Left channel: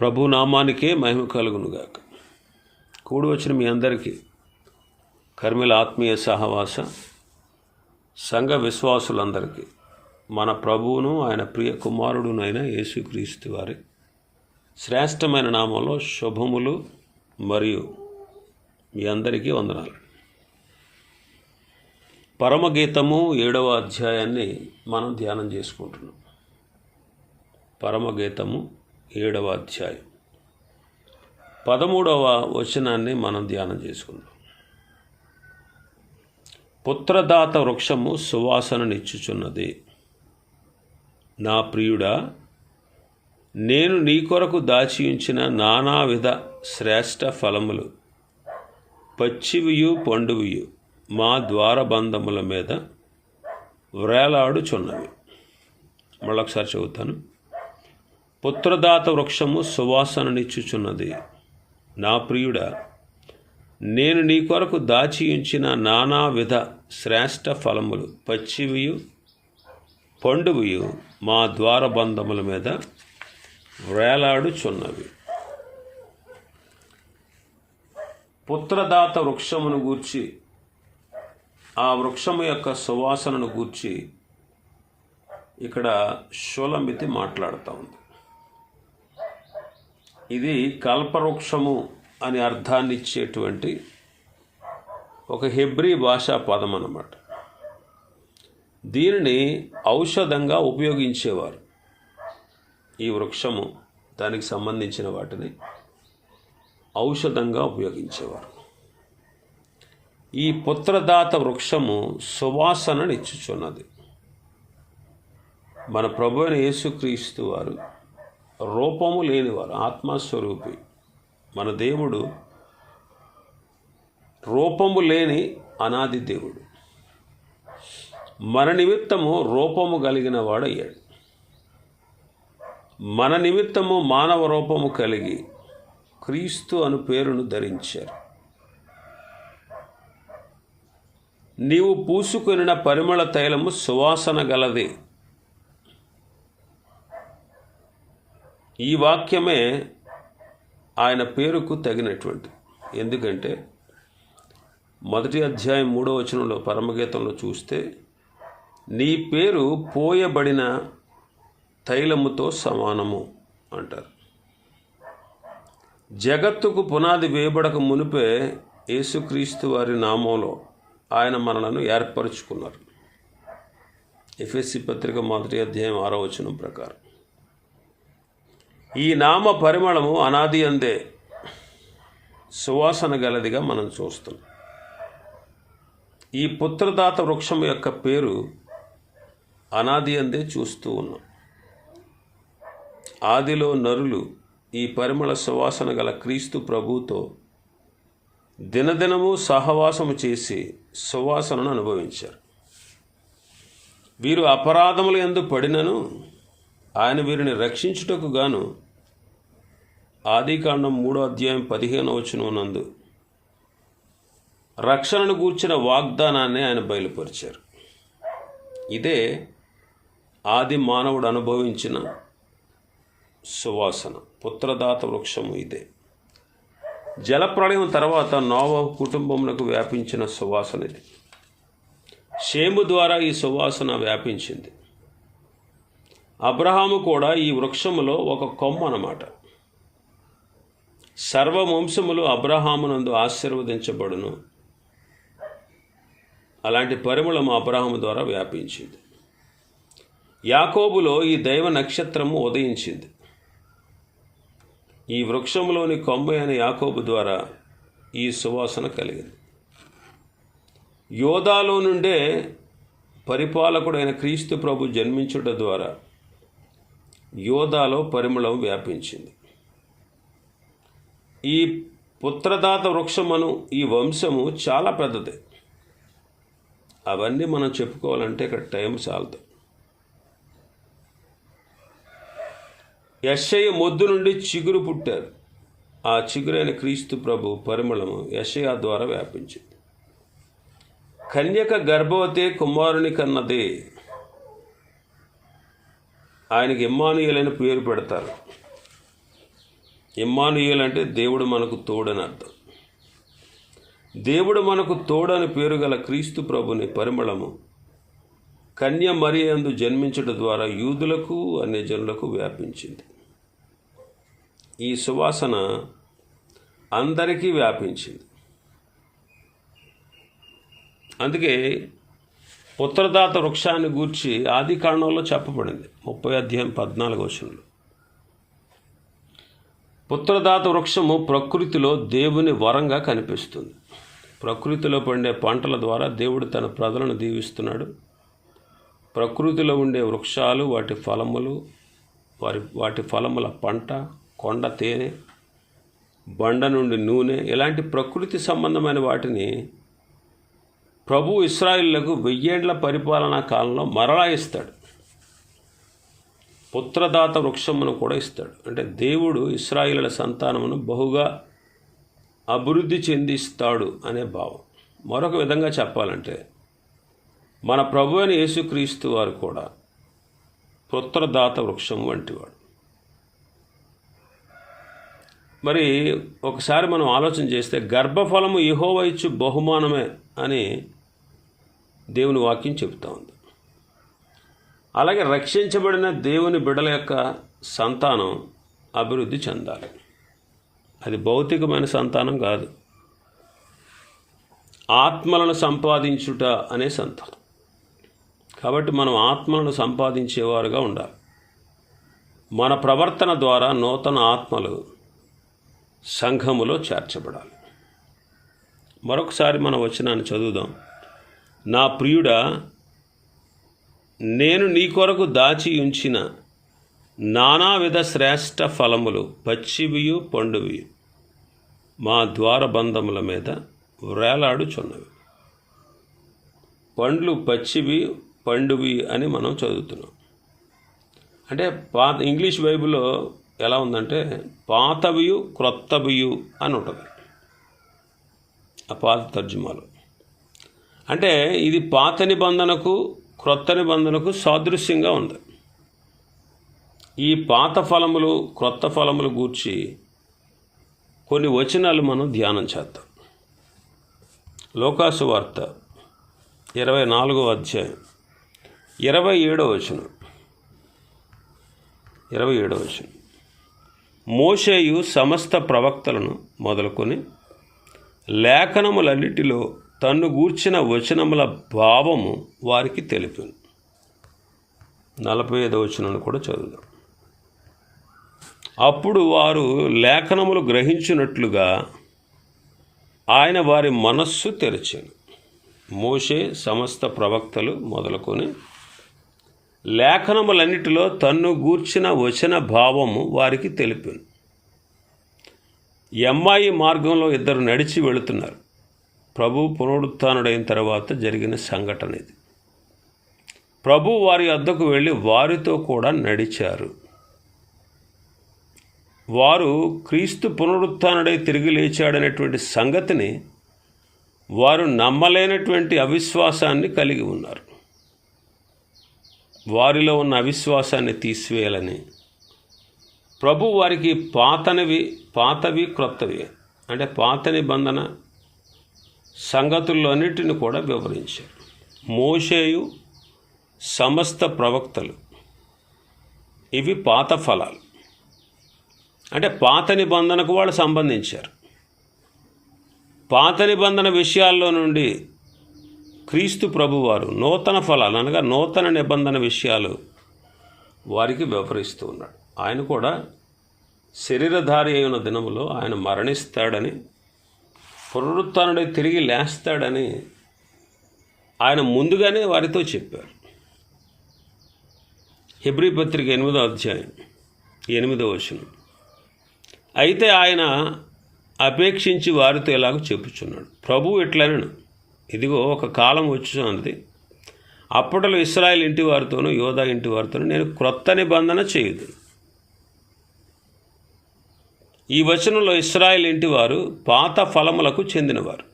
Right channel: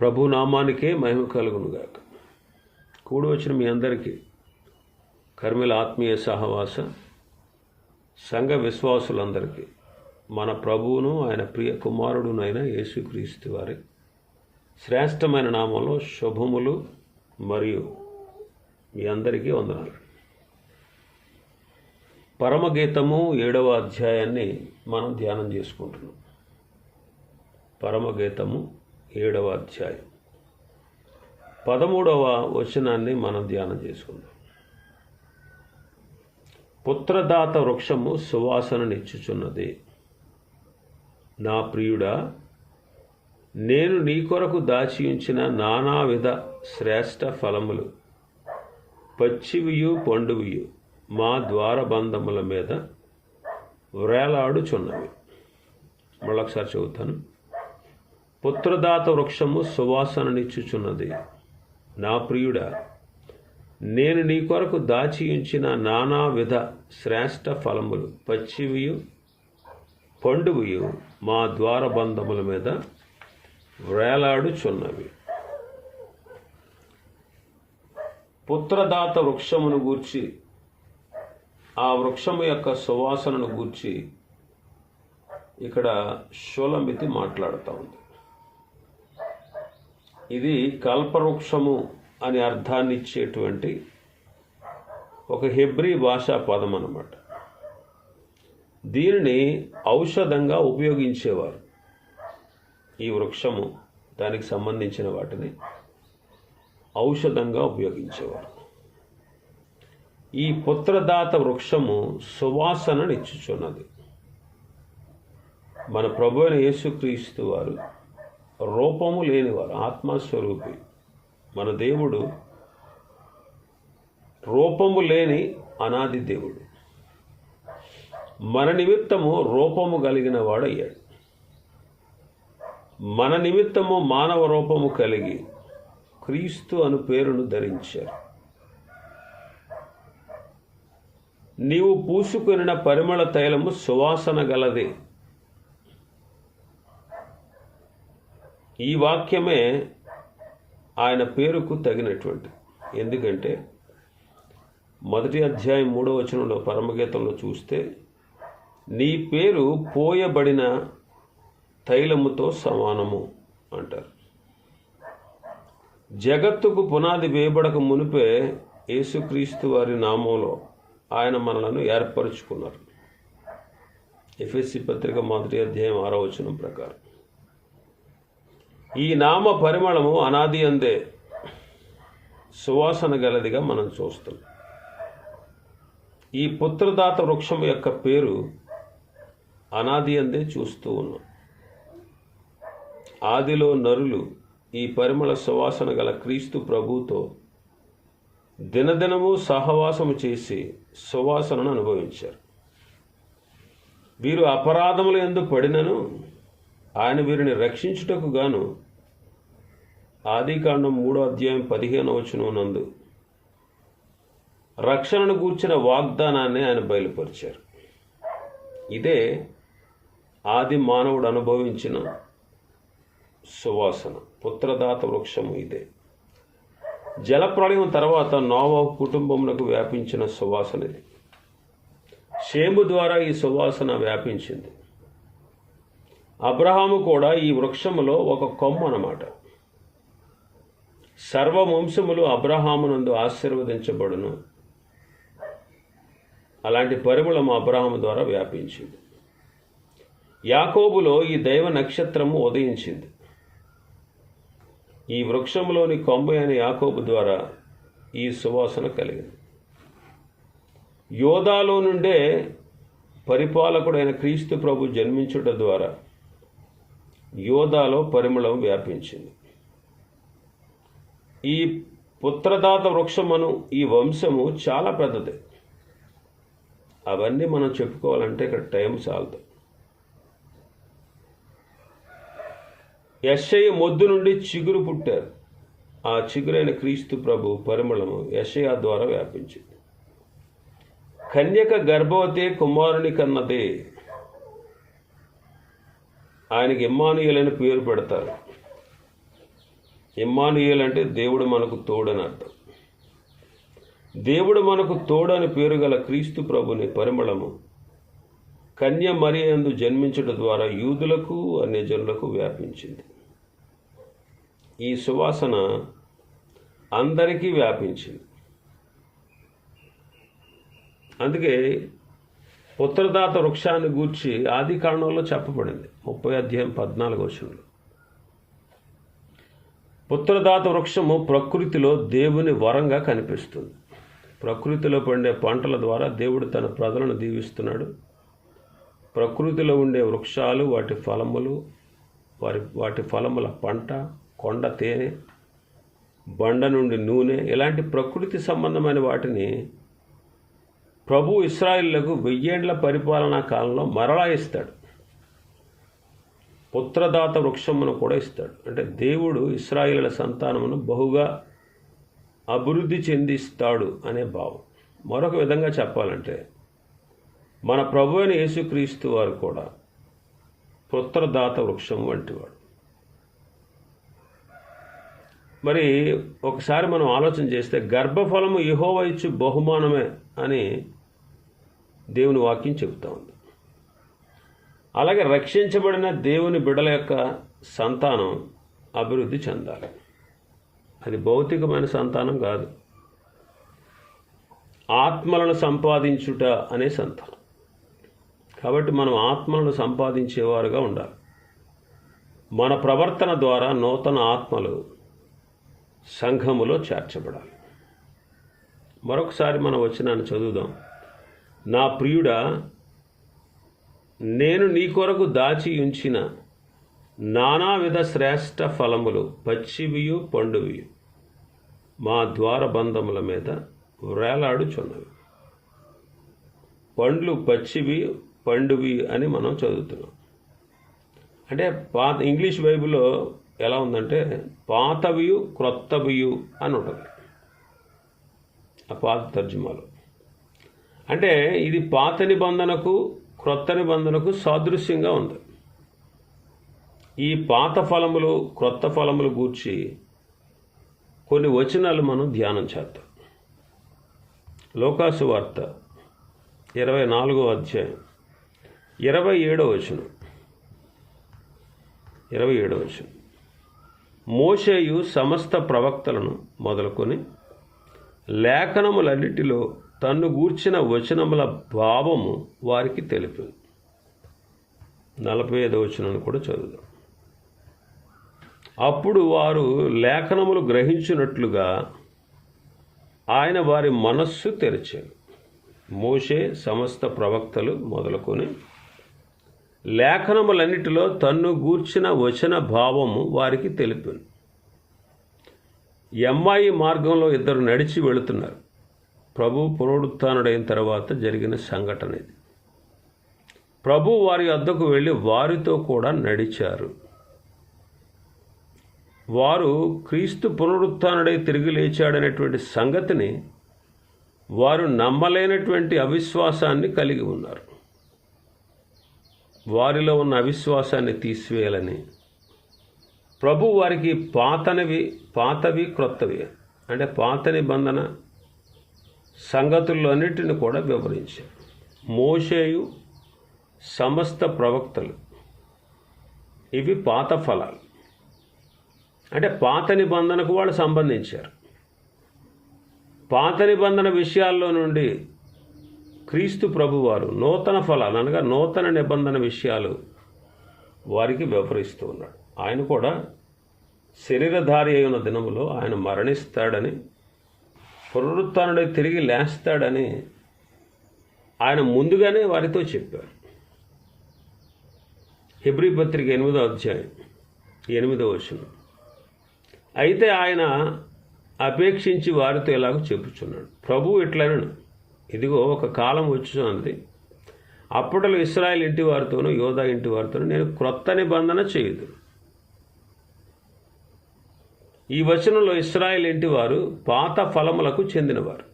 ప్రభు నామానికే మహిమ కలుగునుగాక. కూడి వచ్చిన మీ అందరికీ కర్మిల ఆత్మీయ సహవాస సంఘ విశ్వాసులందరికీ మన ప్రభువును ఆయన ప్రియ కుమారుడునైన యేసుక్రీస్తు వారి శ్రేష్టమైన నామంలో శుభములు మరియు మీ అందరికీ వందనాలు. పరమగీతము ఏడవ అధ్యాయాన్ని మనం ధ్యానం చేసుకుంటున్నాం. పరమగీతము ఏడవ అధ్యాయం. పదమూడవ వచనాన్ని మనం ధ్యానం చేసుకుందాం. పుత్రదాత వృక్షము సువాసననిచ్చుచున్నది. నా ప్రియుడా నేను నీ కొరకు దాచి ఉంచిన నానావిధ శ్రేష్ట ఫలములు పచ్చివియు పండువియు మా ద్వారబంధముల మీద వ్రేలాడుచున్నవి మళ్ళొకసారి చదువుతాను. పుత్రదాత వృక్షము సువాసననిచ్చుచున్నది. నా ప్రియుడ నేను నీ కొరకు దాచి ఉంచిన నానావిధ శ్రేష్ట ఫలములు పచ్చివియు పండువియు మా ద్వారబంధముల మీద వేలాడుచున్నవి. పుత్రదాత వృక్షమును గూర్చి ఆ వృక్షము యొక్క సువాసనను గూర్చి ఇక్కడ షోలమితి మాట్లాడుతూ ఉంది. ఇది కల్పవృక్షము అనే అర్థాన్ని ఇచ్చేటువంటి ఒక హెబ్రీ భాషా పదం అన్నమాట. దీనిని ఔషధంగా ఉపయోగించేవారు ఈ వృక్షము దానికి సంబంధించిన వాటిని ఔషధంగా ఉపయోగించేవారు. ఈ పుత్రదాత వృక్షము సువాసననిచ్చుచున్నది మన ప్రభు అయిన యేసుక్రీస్తు వారు రూపము లేనివారు ఆత్మస్వరూపి. మన దేవుడు రూపము లేని అనాది దేవుడు. మన నిమిత్తము రూపము కలిగిన వాడయ్యాడు. మన నిమిత్తము మానవ రూపము కలిగి క్రీస్తు అను పేరును ధరించారు. నీవు పూసుకొనిన పరిమళ తైలము సువాసన గలదే. ఈ వాక్యమే ఆయన పేరుకు తగినటువంటి ఎందుకంటే మొదటి అధ్యాయం మూడో వచనంలో పరమగీతంలో చూస్తే నీ పేరు పోయబడిన తైలముతో సమానము అంటారు. జగత్తుకు పునాది వేయబడక మునిపే యేసుక్రీస్తు వారి నామంలో ఆయన మనలను ఏర్పరచుకున్నారు. ఎఫ్ఎస్సి పత్రిక మొదటి అధ్యాయం ఆరో వచనం ప్రకారం. ఈ నామ పరిమళము అనాది అందే సువాసన గలదిగా మనం చూస్తున్నాం. ఈ పుత్రదాత వృక్షం యొక్క పేరు అనాది అందే చూస్తూ ఉన్నాం. ఆదిలో నరులు ఈ పరిమళ సువాసన గల క్రీస్తు ప్రభుతో దినదినము సహవాసము చేసి సువాసనను అనుభవించారు. వీరు అపరాధములు ఎందు పడినను ఆయన వీరిని రక్షించుటకు గాను ఆదికాండం మూడో అధ్యాయం పదిహేను వచనం నందు రక్షణను గూర్చిన వాగ్దానాన్ని ఆయన బయలుపరిచారు. ఇదే ఆది మానవుడు అనుభవించిన సువాసన పుత్రదాత వృక్షము ఇదే. జలప్రళయం తర్వాత నోవ కుటుంబములకు వ్యాపించిన సువాసన ఇది. షేము ద్వారా ఈ సువాసన వ్యాపించింది. అబ్రహాము కూడా ఈ వృక్షములో ఒక కొమ్మ అన్నమాట. సర్వవంశములు అబ్రహామునందు ఆశీర్వదించబడును. అలాంటి పరిమళం అబ్రహాము ద్వారా వ్యాపించింది. యాకోబులో ఈ దైవ నక్షత్రము ఉదయించింది. ఈ వృక్షంలోని కొమ్మ అయిన యాకోబు ద్వారా ఈ సువాసన కలిగింది. యోధాలో నుండే పరిపాలకుడైన క్రీస్తు ప్రభు జన్మించుట ద్వారా యోధాలో పరిమళం వ్యాపించింది. ఈ పుత్రదాత వృక్షమును ఈ వంశము చాలా పెద్దది. అవన్నీ మనం చెప్పుకోవాలంటే ఇక్కడ టైం చాలదు యశయ్య మొద్దు నుండి చిగురు పుట్టారు. ఆ చిగురైన క్రీస్తు ప్రభు పరిమళము యశయ ద్వారా వ్యాపించింది. కన్యక గర్భవతి కుమారుని కన్నదే. ఆయనకి ఇమ్మానుయలైన పేరు పెడతారు. ఇమ్మానుయేల్ అంటే దేవుడు మనకు తోడని అర్థం. దేవుడు మనకు తోడని పేరు గల క్రీస్తు ప్రభుని పరిమళము కన్య మరియందు జన్మించడం ద్వారా యూదులకు అనే జనులకు వ్యాపించింది. ఈ సువాసన అందరికీ వ్యాపించింది. అందుకే ఉత్తరదాత వృక్షాన్ని గూర్చి ఆది కాండంలో చెప్పబడింది. ముప్పై అధ్యాయం పద్నాలుగు వచనంలో. ఉత్తరదాత వృక్షము ప్రకృతిలో దేవుని వరంగా కనిపిస్తుంది. ప్రకృతిలో పండే పంటల ద్వారా దేవుడు తన ప్రజలను దీవిస్తున్నాడు. ప్రకృతిలో ఉండే వృక్షాలు వాటి ఫలములు వారి వాటి ఫలముల పంట కొండ తేనె బండ నుండి నూనె ఇలాంటి ప్రకృతి సంబంధమైన వాటిని ప్రభు ఇస్రాయిళ్ళకు వెయ్యేళ్ళ పరిపాలనా కాలంలో మరలా ఇస్తాడు. పుత్రదాత వృక్షమును కూడా ఇస్తాడు. అంటే దేవుడు ఇస్రాయిల సంతానమును బహుగా అభివృద్ధి చెందిస్తాడు అనే భావం. మరొక విధంగా చెప్పాలంటే మన ప్రభు అయిన యేసుక్రీస్తు వారు కూడా పుత్రదాత వృక్షం వంటివాడు. మరి ఒకసారి మనం ఆలోచన చేస్తే గర్భఫలము యెహోవా ఇచ్చు బహుమానమే అని దేవుని వాక్యం చెబుతా ఉంది. అలాగే రక్షించబడిన దేవుని బిడల యొక్క సంతానం అభివృద్ధి చెందాలి. అది భౌతికమైన సంతానం కాదు. ఆత్మలను సంపాదించుట అనే సంతానం. కాబట్టి మనం ఆత్మలను సంపాదించేవారుగా ఉండాలి. మన ప్రవర్తన ద్వారా నూతన ఆత్మలు సంఘములో చేర్చబడాలి. మరొకసారి మనం వచ్చినాన్ని చదువుదాం. నా ప్రియుడా నేను నీ కొరకు దాచి ఉంచిన నానావిధ శ్రేష్ట ఫలములు పచ్చివియు పండువి మా ద్వారబంధముల మీద వ్రేలాడుచున్నవి పండ్లు పచ్చివి పండువి అని మనం చదువుతున్నాం. అంటే పాత ఇంగ్లీష్ బైబిల్లో ఎలా ఉందంటే పాతవియు క్రొత్తవియు అని ఉంటుంది. ఆ పాత తర్జుమాలో. అంటే ఇది పాత నిబంధనకు క్రొత్త నిబంధనకు సాదృశ్యంగా ఉంది. ఈ పాత ఫలములు క్రొత్త ఫలములు గూర్చి కొన్ని వచనాలు మనం ధ్యానం చేద్దాం. లోకాసు వార్త ఇరవై నాలుగో అధ్యాయం. ఇరవై ఏడో వచనం. ఇరవై ఏడో వచనం. మోషేయు సమస్త ప్రవక్తలను మొదలుకొని లేఖనములన్నిటిలో తన్ను గూర్చిన వచనముల భావము వారికి తెలిపింది నలభై ఐదో వచనాన్ని కూడా చదువుదాం. అప్పుడు వారు లేఖనములు గ్రహించినట్లుగా ఆయన వారి మనస్సు తెరిచాను. మోషే సమస్త ప్రవక్తలు మొదలుకొని లేఖనములన్నిటిలో తన్ను గూర్చిన వచన భావము వారికి తెలిపింది ఎమ్మాయి మార్గంలో ఇద్దరు నడిచి వెళుతున్నారు. ప్రభు పునరుత్డైన తర్వాత జరిగిన సంఘటన ఇది. ప్రభు వారి వద్దకు వెళ్ళి వారితో కూడా నడిచారు. వారు క్రీస్తు పునరుత్డై తిరిగి లేచాడనేటువంటి సంగతిని వారు నమ్మలేనటువంటి అవిశ్వాసాన్ని కలిగి ఉన్నారు. వారిలో ఉన్న అవిశ్వాసాన్ని తీసివేయాలని. ప్రభు వారికి పాతనవి పాతవి క్రొత్తవి అంటే పాత నిబంధన సంగతులన్నిటిని కూడా వివరించారు మోషేయు సమస్త ప్రవక్తలు. ఇవి పాత ఫలాలు. అంటే పాత నిబంధనకు వాళ్ళు సంబంధించారు. పాత నిబంధన విషయాల్లో నుండి క్రీస్తు ప్రభువారు నూతన ఫలాలు అనగా నూతన నిబంధన విషయాలు వారికి వివరిస్తూ ఉన్నాడు. ఆయన కూడా శరీరధారి అయిన దినములో ఆయన మరణిస్తాడని పునరుత్డై తిరిగి లేస్తాడని ఆయన ముందుగానే వారితో చెప్పారు. హెబ్రి పత్రిక ఎనిమిదో అధ్యాయం ఎనిమిదో వచనం. అయితే ఆయన అపేక్షించి వారితో ఇలాగ చెప్పుచున్నాడు. ప్రభు ఇట్లనను ఇదిగో ఒక కాలం వచ్చున్నది అప్పట్లో ఇస్రాయల్ ఇంటి వారితోనూ యోధా ఇంటి వారితోనూ నేను క్రొత్త నిబంధన చేయదు ఈ వచనంలో ఇస్రాయల్ ఇంటి వారు పాత ఫలములకు చెందినవారు.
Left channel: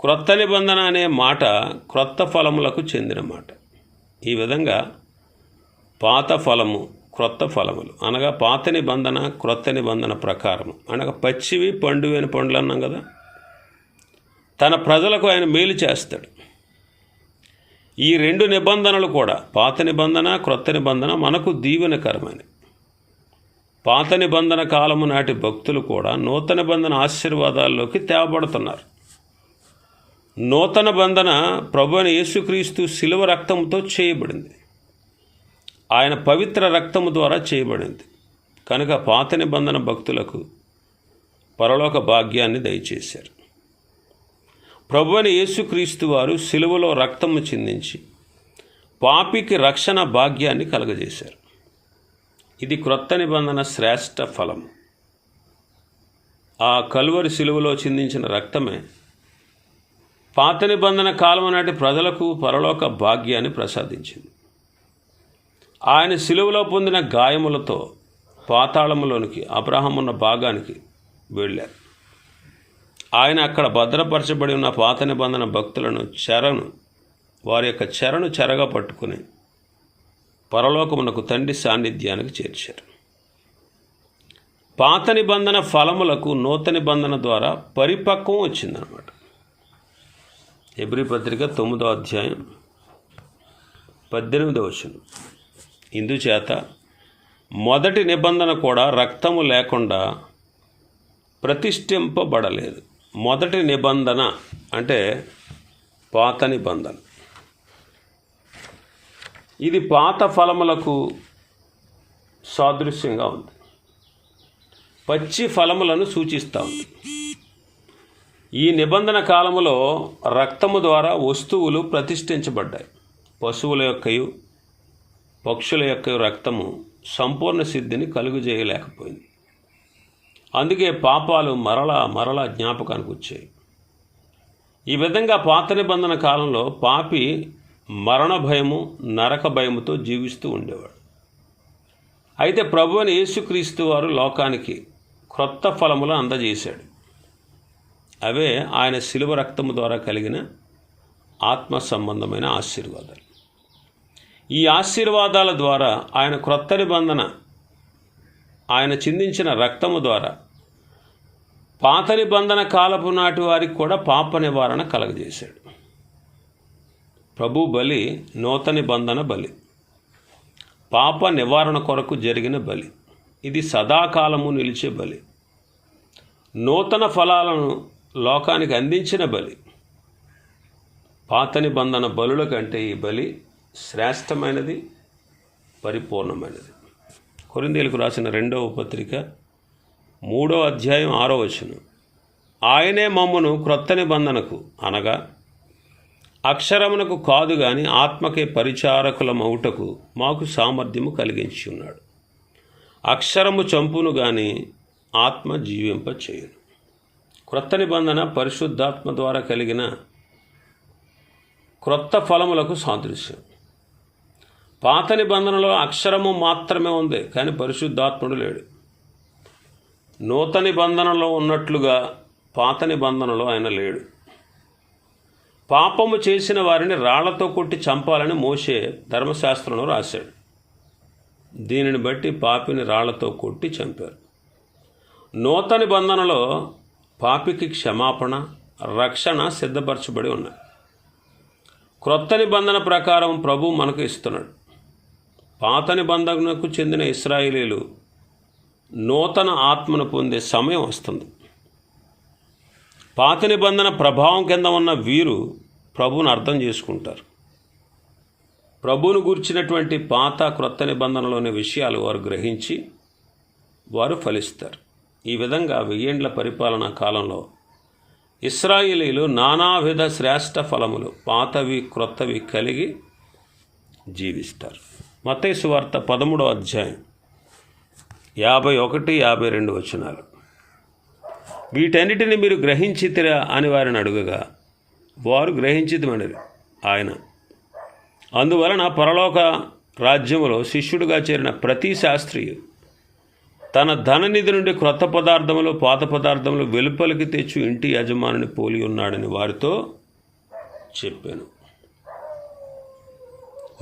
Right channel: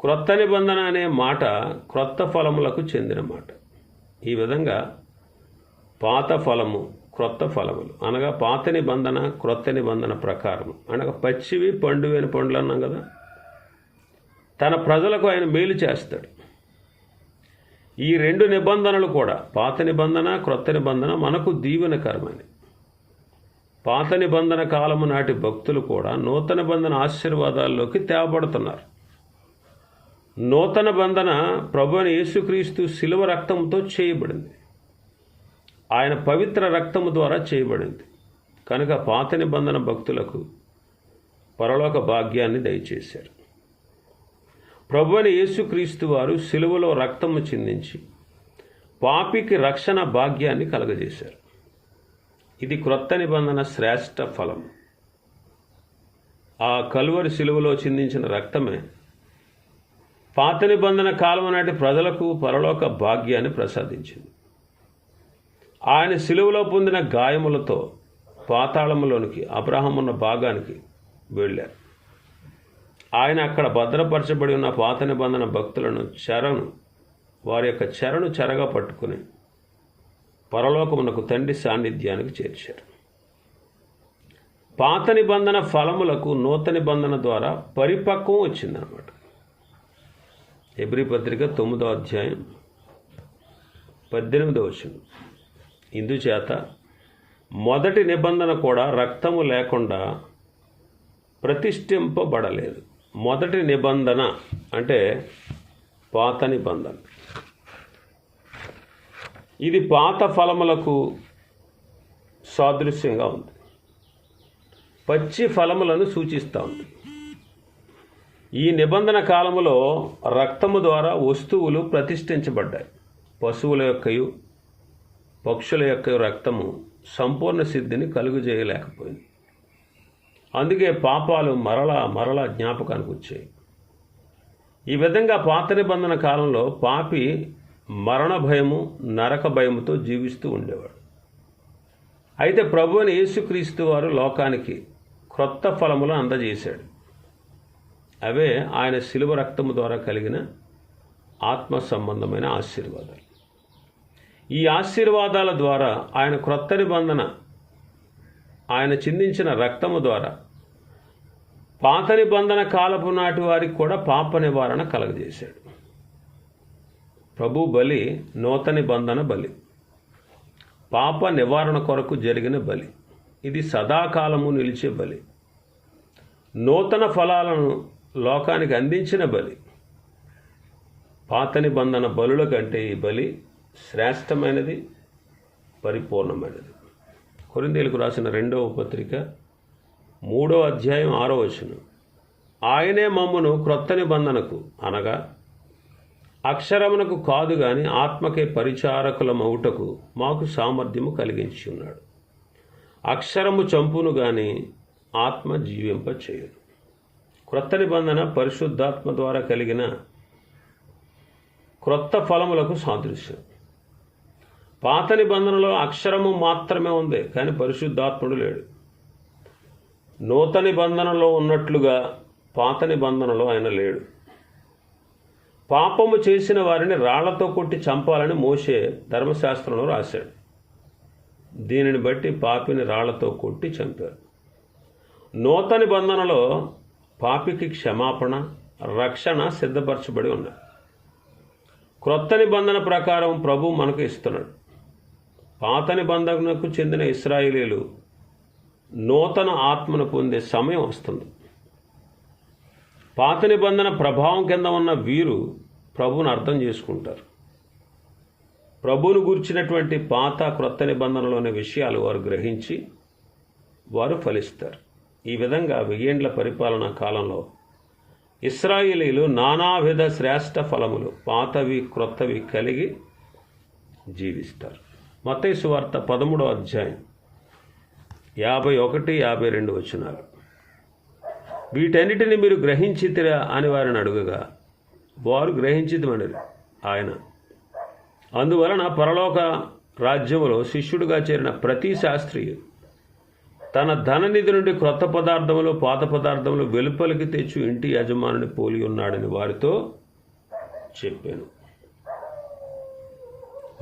క్రొత్త నిబంధన అనే మాట క్రొత్త ఫలములకు చెందిన మాట. ఈ విధంగా పాత ఫలము క్రొత్త ఫలములు. అనగా పాత నిబంధన క్రొత్త నిబంధన ప్రకారం అనగా పచ్చివి పండువైన పండ్లు అన్నాం కదా. తన ప్రజలకు ఆయన మేలు చేస్తాడు. ఈ రెండు నిబంధనలు కూడా పాత నిబంధన క్రొత్త నిబంధన మనకు దీవెనకరమని పాత నిబంధన కాలము నాటి భక్తులు కూడా నూతన బంధన ఆశీర్వాదాల్లోకి తేవబడుతున్నారు. నూతన బంధన ప్రభు యేసుక్రీస్తు శిలువ రక్తంతో చేయబడింది. ఆయన పవిత్ర రక్తము ద్వారా చేయబడింది. కనుక పాత నిబంధన భక్తులకు పరలోక భాగ్యాన్ని దయచేశారు. ప్రభు అని యేసుక్రీస్తు వారు శిలువలో రక్తము చిందించి పాపికి రక్షణ భాగ్యాన్ని కలగజేశారు. ఇది క్రొత్త నిబంధన శ్రేష్ట ఫలం ఆ కలువరి శిలువలో చిందించిన రక్తమే పాత నిబంధన కాలం నాటి ప్రజలకు పరలోక భాగ్యాన్ని ప్రసాదించింది. ఆయన శిలువలో పొందిన గాయములతో పాతాళములోనికి అబ్రహం ఉన్న భాగానికి వెళ్ళారు. ఆయన అక్కడ భద్రపరచబడి ఉన్న పాత నిబంధన భక్తులను చెరను వారి యొక్క చెరను చెరగా పట్టుకుని పరలోకమునకు తండ్రి సాన్నిధ్యానికి చేర్చారు. పాత నిబంధన ఫలములకు నూతన నిబంధన ద్వారా పరిపక్వం వచ్చిందనమాట ఎబ్రి పత్రిక తొమ్మిదో అధ్యాయం పద్దెనిమిదో వచనం. ఇందుచేత మొదటి నిబంధన కూడా రక్తము లేకుండా ప్రతిష్ఠింపబడలేదు. మొదటి నిబంధన అంటే పాత నిబంధన. ఇది పాత ఫలములకు సాదృశ్యంగా ఉంది. పచ్చి ఫలములను సూచిస్తూ ఉంది. ఈ నిబంధన కాలములో రక్తము ద్వారా వస్తువులు ప్రతిష్ఠించబడ్డాయి. పశువుల యొక్కయు పక్షుల యొక్క రక్తము సంపూర్ణ సిద్ధిని కలుగుజేయలేకపోయింది. అందుకే పాపాలు మరలా మరలా జ్ఞాపకానికి వచ్చాయి. ఈ విధంగా పాత నిబంధన కాలంలో పాపి మరణ భయము నరక భయముతో జీవిస్తూ ఉండేవాడు. అయితే ప్రభు అని యేసుక్రీస్తు వారు లోకానికి క్రొత్త ఫలములు అందజేశాడు. అవే ఆయన శిలువ రక్తము ద్వారా కలిగిన ఆత్మ సంబంధమైన ఆశీర్వాదాలు. ఈ ఆశీర్వాదాల ద్వారా ఆయన క్రొత్త నిబంధన ఆయన చిందించిన రక్తము ద్వారా పాత నిబంధన కాలపు నాటి వారికి కూడా పాప నివారణ కలగజేశాడు. ప్రభు బలి నూతన నిబంధన బలి. పాప నివారణ కొరకు జరిగిన బలి. ఇది సదాకాలము నిలిచే బలి. నూతన ఫలాలను లోకానికి అందించిన బలి. పాత నిబంధన బలుల కంటే ఈ బలి శ్రేష్టమైనది పరిపూర్ణమైనది. కొరిందేలకు రాసిన రెండవ పత్రిక మూడో అధ్యాయం ఆరో వచనం. ఆయనే మమ్మును క్రొత్త నిబంధనకు అనగా అక్షరమునకు కాదు గాని ఆత్మకే పరిచారకులమౌటకు మాకు సామర్థ్యము కలిగించి ఉన్నాడు. అక్షరము చంపును గాని ఆత్మ జీవింప చేయును క్రొత్త నిబంధన పరిశుద్ధాత్మ ద్వారా కలిగిన క్రొత్త ఫలములకు సాదృశ్యం. పాత నిబంధనలో అక్షరము మాత్రమే ఉంది కానీ పరిశుద్ధాత్ముడు లేడు. నూతన నిబంధనలో ఉన్నట్లుగా పాత నిబంధనలో ఆయన లేడు. పాపము చేసిన వారిని రాళ్ళతో కొట్టి చంపాలని మోసే ధర్మశాస్త్రంలో రాశాడు. దీనిని బట్టి పాపిని రాళ్ళతో కొట్టి చంపారు. నూతన బంధనలో పాపికి క్షమాపణ రక్షణ సిద్ధపరచబడి ఉన్నాయి క్రొత్త నిబంధన ప్రకారం ప్రభు మనకు ఇస్తున్నాడు. పాత నిబంధనకు చెందిన ఇస్రాయేలీలు నూతన ఆత్మను పొందే సమయం వస్తుంది. పాత నిబంధన ప్రభావం కింద ఉన్న వీరు ప్రభువును అర్థం చేసుకుంటారు. ప్రభువును గూర్చినటువంటి పాత క్రొత్త నిబంధనలోని విషయాలు వారు గ్రహించి వారు ఫలిస్తారు. ఈ విధంగా వెయ్యేండ్ల పరిపాలనా కాలంలో ఇస్రాయేలీలు నానావిధ శ్రేష్ట ఫలములు పాతవి క్రొత్తవి కలిగి జీవిస్తారు. మతేసు వార్త పదమూడో అధ్యాయం యాభై ఒకటి యాభై రెండు వచనాలు. వీటన్నిటిని మీరు గ్రహించితిరా అని వారిని అడుగగా వారు గ్రహించిదమనిరి ఆయన. అందువలన పరలోక రాజ్యములో శిష్యుడిగా చేరిన ప్రతి శాస్త్రియు తన ధననిధి నుండి క్రొత్త పదార్థములు పాత పదార్థములు వెలుపలికి తెచ్చు ఇంటి యజమానుని పోలి ఉన్నాడని వారితో చెప్పాను.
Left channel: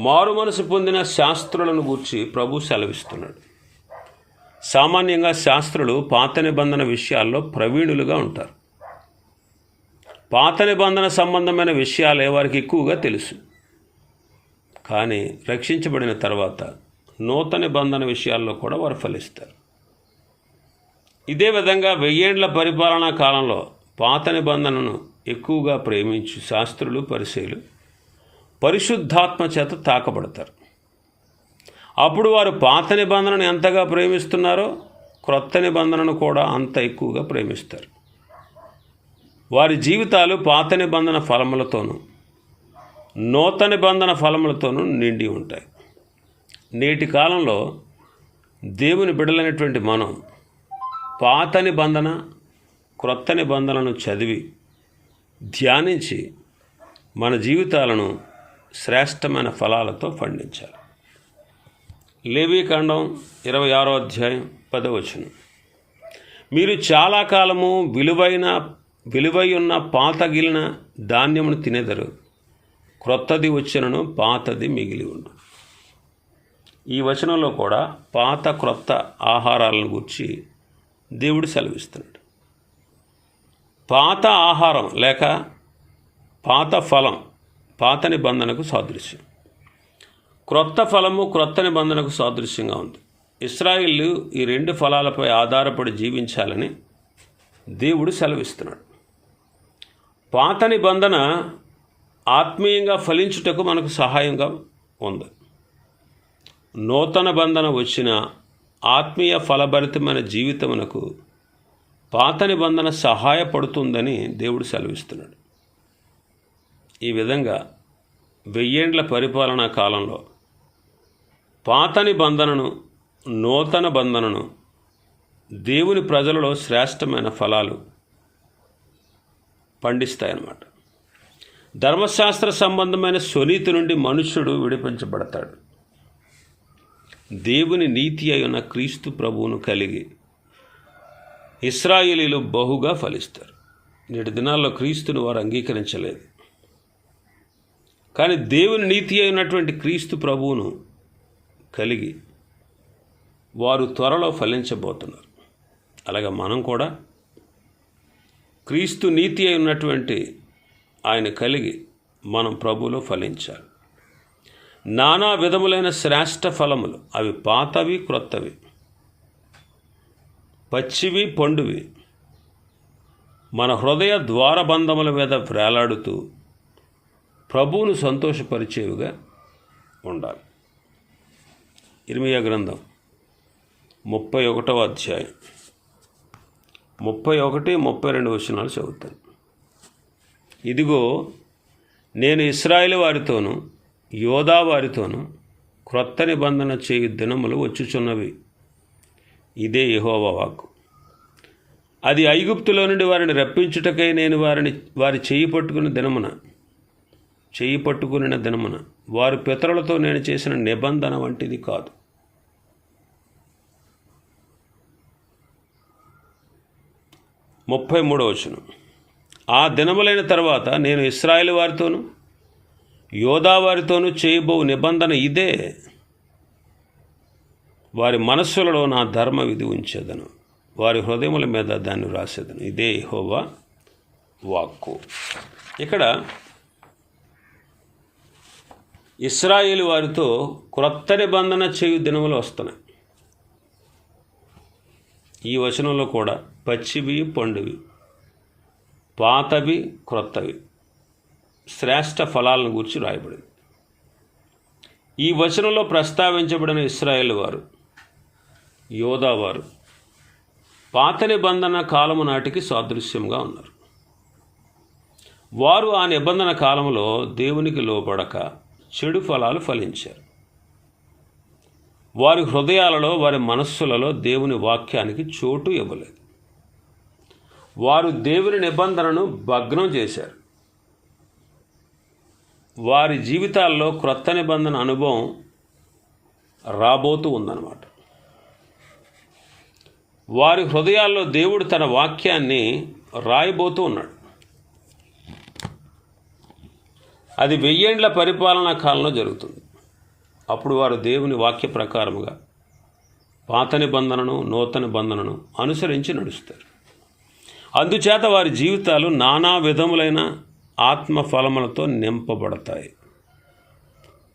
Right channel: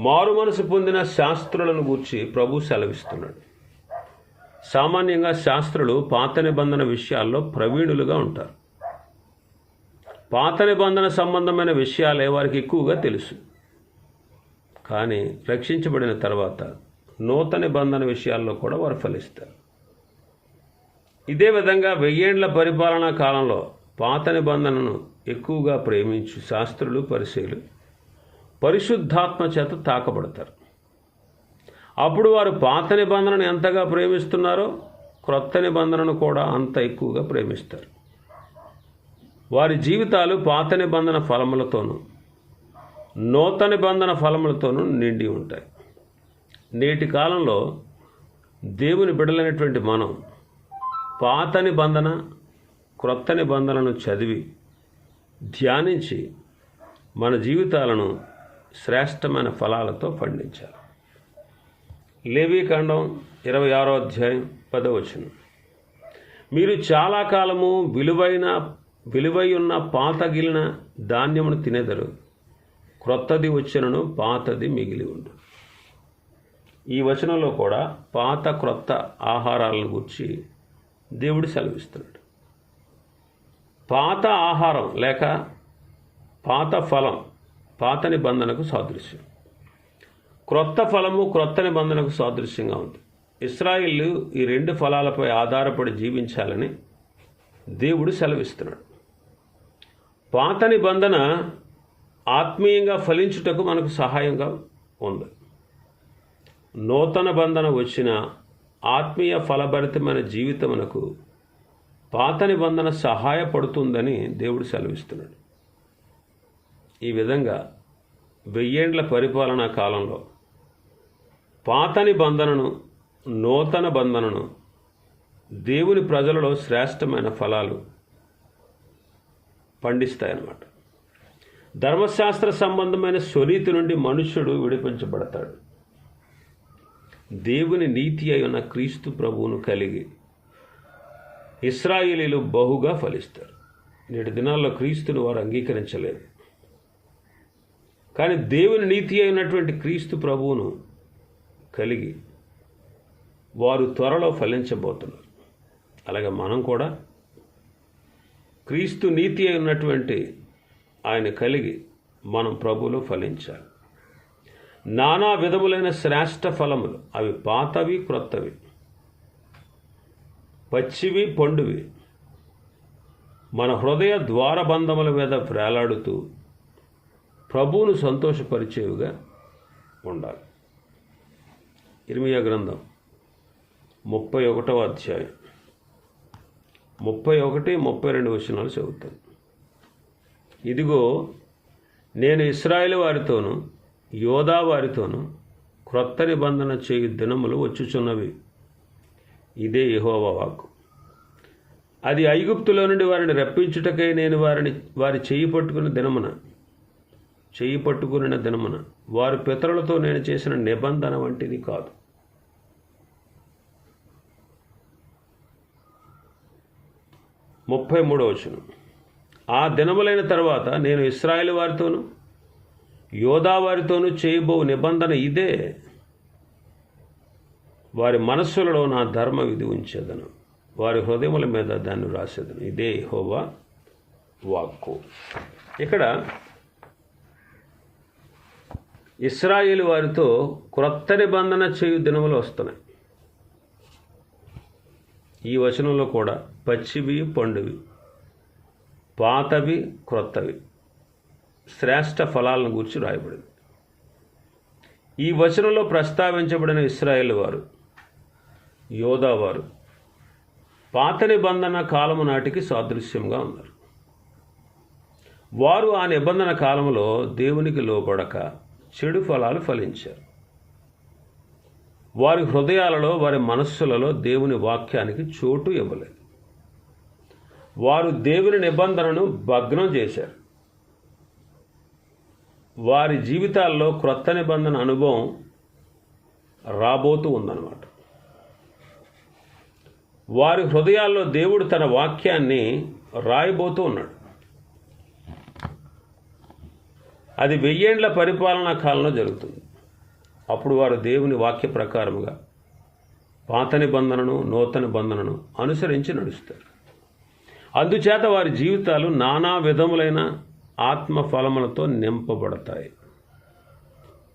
మారు మనసు పొందిన శాస్త్రులను గూర్చి ప్రభు సెలవిస్తున్నాడు. సామాన్యంగా శాస్త్రులు పాత నిబంధన విషయాల్లో ప్రవీణులుగా ఉంటారు. పాత నిబంధన సంబంధమైన విషయాలే వారికి ఎక్కువగా తెలుసు. కానీ రక్షించబడిన తర్వాత నూతన నిబంధన విషయాల్లో కూడా వారు ఫలిస్తారు. ఇదే విధంగా వెయ్యేండ్ల పరిపాలనా కాలంలో పాత నిబంధనను ఎక్కువగా ప్రేమించు శాస్త్రులు పరిశీలు పరిశుద్ధాత్మ చేత తాకబడతారు. అప్పుడు వారు పాత నిబంధనను ఎంతగా ప్రేమిస్తున్నారో క్రొత్త నిబంధనను కూడా అంత ఎక్కువగా ప్రేమిస్తారు. వారి జీవితాలు పాత నిబంధన ఫలములతోనూ నూతన నిబంధన ఫలములతోనూ నిండి ఉంటాయి. నేటి కాలంలో దేవుని బిడలైనటువంటి మనం పాత నిబంధన క్రొత్త నిబంధనలను చదివి ధ్యానించి మన జీవితాలను శ్రేష్టమైన ఫలాలతో పండించాలి. లేవీకాండం ఇరవై ఆరో అధ్యాయం పదవచనం. మీరు చాలా కాలము విలువైన విలువై ఉన్న పాతగిలిన ధాన్యమును తినేదరు. క్రొత్తది వచ్చినను పాతది మిగిలి ఉండు. ఈ వచనంలో కూడా పాత క్రొత్త ఆహారాలను గురించి దేవుడు సెలవిస్తున్నాడు. పాత ఆహారం లేక పాత ఫలం పాత నిబంధనకు సాదృశ్యం. క్రొత్త ఫలము క్రొత్త నిబంధనకు సాదృశ్యంగా ఉంది. ఇస్రాయిల్ ఈ రెండు ఫలాలపై ఆధారపడి జీవించాలని దేవుడు సెలవిస్తున్నాడు. పాత నిబంధన ఆత్మీయంగా ఫలించుటకు మనకు సహాయంగా ఉంది. నూతన బంధన వచ్చిన ఆత్మీయ ఫలభరితమైన జీవితమునకు పాత నిబంధన సహాయపడుతుందని దేవుడు సెలవిస్తున్నాడు. ఈ విధంగా వెయ్యేండ్ల పరిపాలనా కాలంలో పాత నిబంధనను నూతన బంధనను దేవుని ప్రజలలో శ్రేష్టమైన ఫలాలు పండిస్తాయన్నమాట. ధర్మశాస్త్ర సంబంధమైన స్వనీతి నుండి మనుష్యుడు విడిపించబడతాడు. దేవుని నీతి అయిన క్రీస్తు ప్రభువును కలిగి ఇస్రాయిలీలు బహుగా ఫలిస్తారు. నేటి దినాల్లో క్రీస్తును వారు అంగీకరించలేదు. కానీ దేవుని నీతి అయినటువంటి క్రీస్తు ప్రభువును కలిగి వారు త్వరలో ఫలించబోతున్నారు. అలాగే మనం కూడా క్రీస్తు నీతి అయి ఉన్నటువంటి ఆయన కలిగి మనం ప్రభువులో ఫలించాలి. నానా విధములైన శ్రేష్ట ఫలములు అవి పాతవి క్రొత్తవి పచ్చివి పండువి మన హృదయ ద్వారబంధముల మీద వేలాడుతూ ప్రభువును సంతోషపరిచేవిగా ఉండాలి. ఇర్మియా గ్రంథం ముప్పై ఒకటవ అధ్యాయం. ముప్పై ఒకటి ముప్పై రెండు వచనాలు చదువుతాను. ఇదిగో నేను ఇస్రాయేల్ వారితోనూ యోధా వారితోనూ క్రొత్త నిబంధన చేయు దినములు వచ్చుచున్నవి. ఇదే యహోవా వాక్కు. అది ఐగుప్తులో నుండి వారిని రప్పించుటకై నేను వారిని వారి చేయి పట్టుకున్న దినమున చేయి పట్టుకున్న దినమున వారి పితరులతో నేను చేసిన నిబంధన వంటిది కాదు. ముప్పై మూడో వచనం. ఆ దినములైన తర్వాత నేను ఇస్రాయేల్ వారితోనూ యోధా వారితోనూ చేయబో నిబంధన ఇదే. వారి మనస్సులలో నా ధర్మ విధి ఉంచేదను. వారి హృదయముల మీద దాన్ని రాసేదను. ఇదే హోవా వాక్కు. ఇక్కడ ఇస్రాయిల్ వారితో క్రొత్త నిబంధన చేయు దినములు వస్తున్నాయి. ఈ వచనంలో కూడా పచ్చివి పండువి పాతవి క్రొత్తవి. శ్రేష్ట ఫలాలను గురించి రాయబడింది. ఈ వచనంలో ప్రస్తావించబడిన ఇస్రాయేల్ వారు యోధా వారు పాత నిబంధన కాలము నాటికి సాదృశ్యంగా ఉన్నారు. వారు ఆ నిబంధన కాలంలో దేవునికి లోబడక చెడు ఫలాలు ఫలించారు. వారి హృదయాలలో వారి మనస్సులలో దేవుని వాక్యానికి చోటు ఇవ్వలేదు. వారు దేవుని నిబంధనను భగ్నం చేశారు. వారి జీవితాల్లో క్రొత్త నిబంధన అనుభవం రాబోతూ ఉందన్నమాట. వారి హృదయాల్లో దేవుడు తన వాక్యాన్ని రాయబోతూ ఉన్నాడు. అది వెయ్యేండ్ల పరిపాలనా కాలంలో జరుగుతుంది. అప్పుడు వారు దేవుని వాక్య ప్రకారముగా పాత నిబంధనను నూతన బంధనను అనుసరించి నడుస్తారు. అందుచేత వారి జీవితాలు నానా విధములైన ఆత్మ ఫలములతో నింపబడతాయి.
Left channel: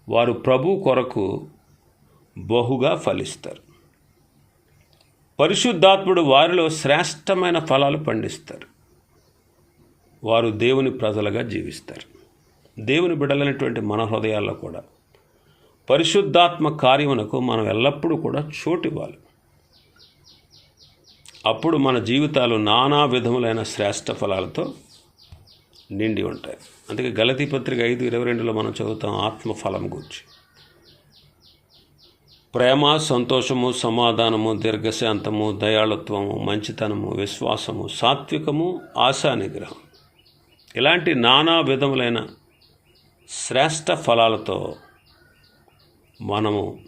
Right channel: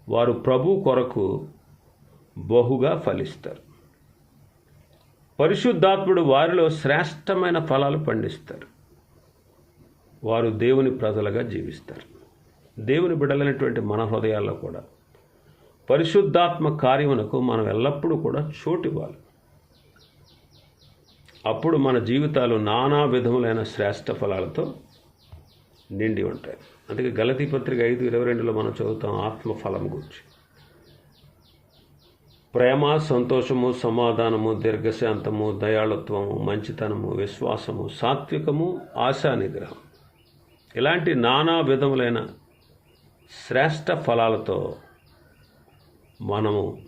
వారు ప్రభు కొరకు బహుగా ఫలిస్తారు. పరిశుద్ధాత్ముడు వారిలో శ్రేష్టమైన ఫలాలు పండిస్తారు. వారు దేవుని ప్రజలుగా జీవిస్తారు. దేవుని బిడలైనటువంటి మన హృదయాల్లో కూడా పరిశుద్ధాత్మ కార్యమునకు మనం ఎల్లప్పుడూ కూడా చోటివ్వాలి. అప్పుడు మన జీవితాలు నానా విధములైన శ్రేష్ట ఫలాలతో నిండి ఉంటాయి. అందుకే గలతీ పత్రిక ఐదు ఇరవై రెండులో మనం చదువుతాం ఆత్మఫలం గురించి. ప్రేమ సంతోషము సమాధానము దీర్ఘశాంతము దయాళుత్వము మంచితనము విశ్వాసము సాత్వికము ఆశా నిగ్రహం ఇలాంటి నానా విధములైన శ్రేష్ట ఫలాలతో మనము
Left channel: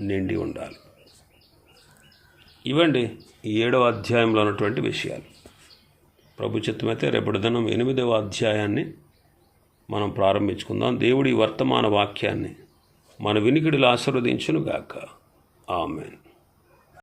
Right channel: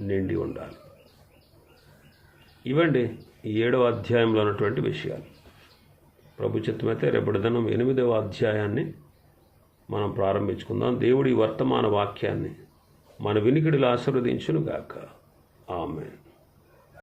నిండి ఉండాలి. ఇవండి ఈ ఏడవ అధ్యాయంలో ఉన్నటువంటి విషయాలు. ప్రభు చిత్తమైతే రేపటి దినం ఎనిమిదవ అధ్యాయాన్ని మనం ప్రారంభించుకుందాం. దేవుడి వర్తమాన వాక్యాన్ని మన వినికిడిలో ఆశీర్వదించునుగాక. ఆమెన్.